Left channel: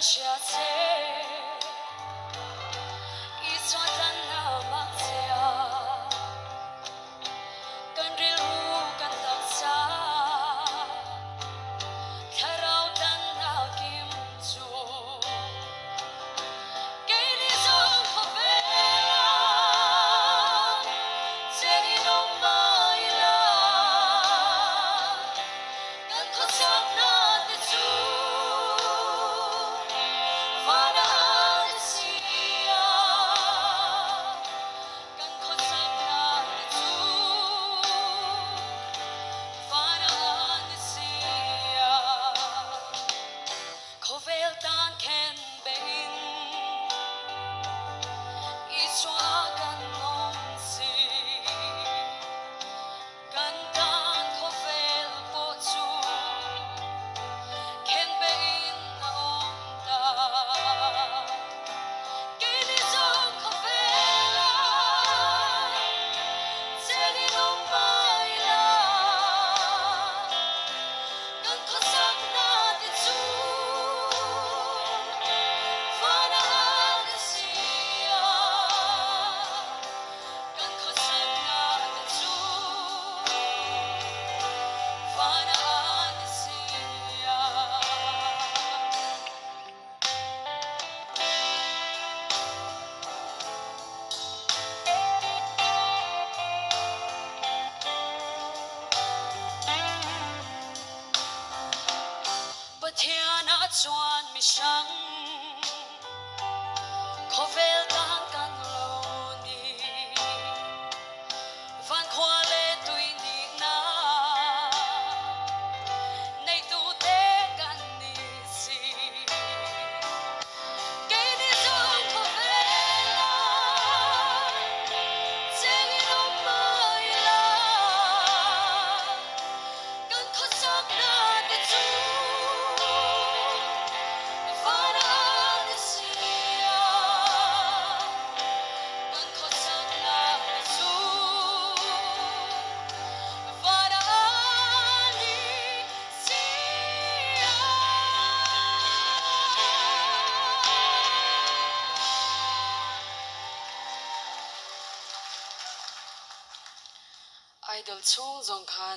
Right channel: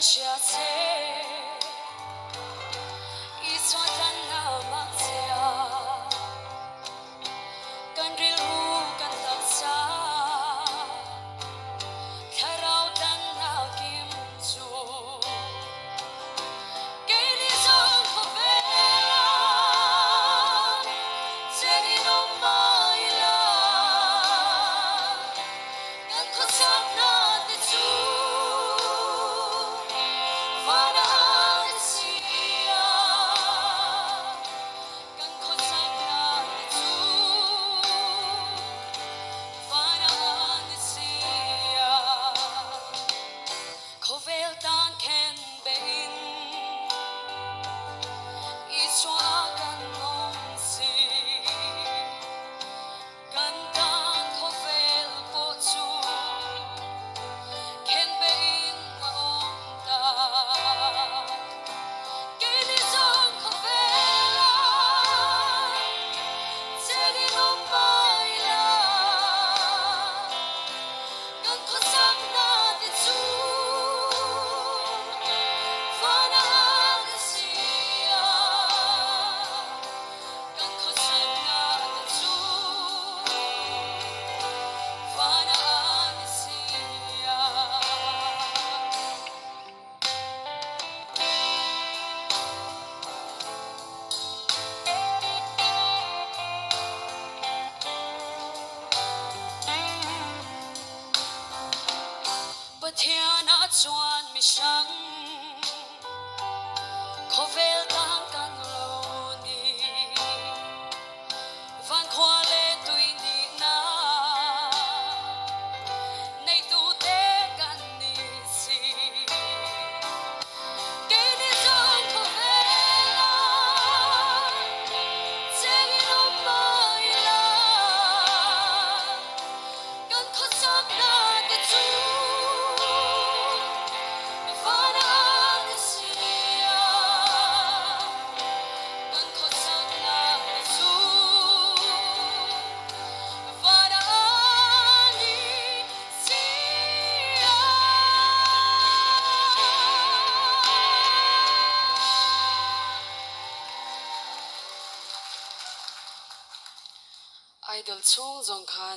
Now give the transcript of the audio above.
下切，一串单那么家，跟日路跟到啥，看到单那金珠，给你种可悲啦，这里都没了，跟可唱那的珠。Kovel dan ken bein iswa kan long si kan dan kovel po chu ken bein na ong da kini song kovela tegi no mai la kan ko sang na de chu bất thiên á chuan mi sang khó vel tan kan lo ni van khoa le tui ni na nei tu te kan ni si ke ni song khó vela chegi no mai la kan khó sak na te chu idol chung zong khan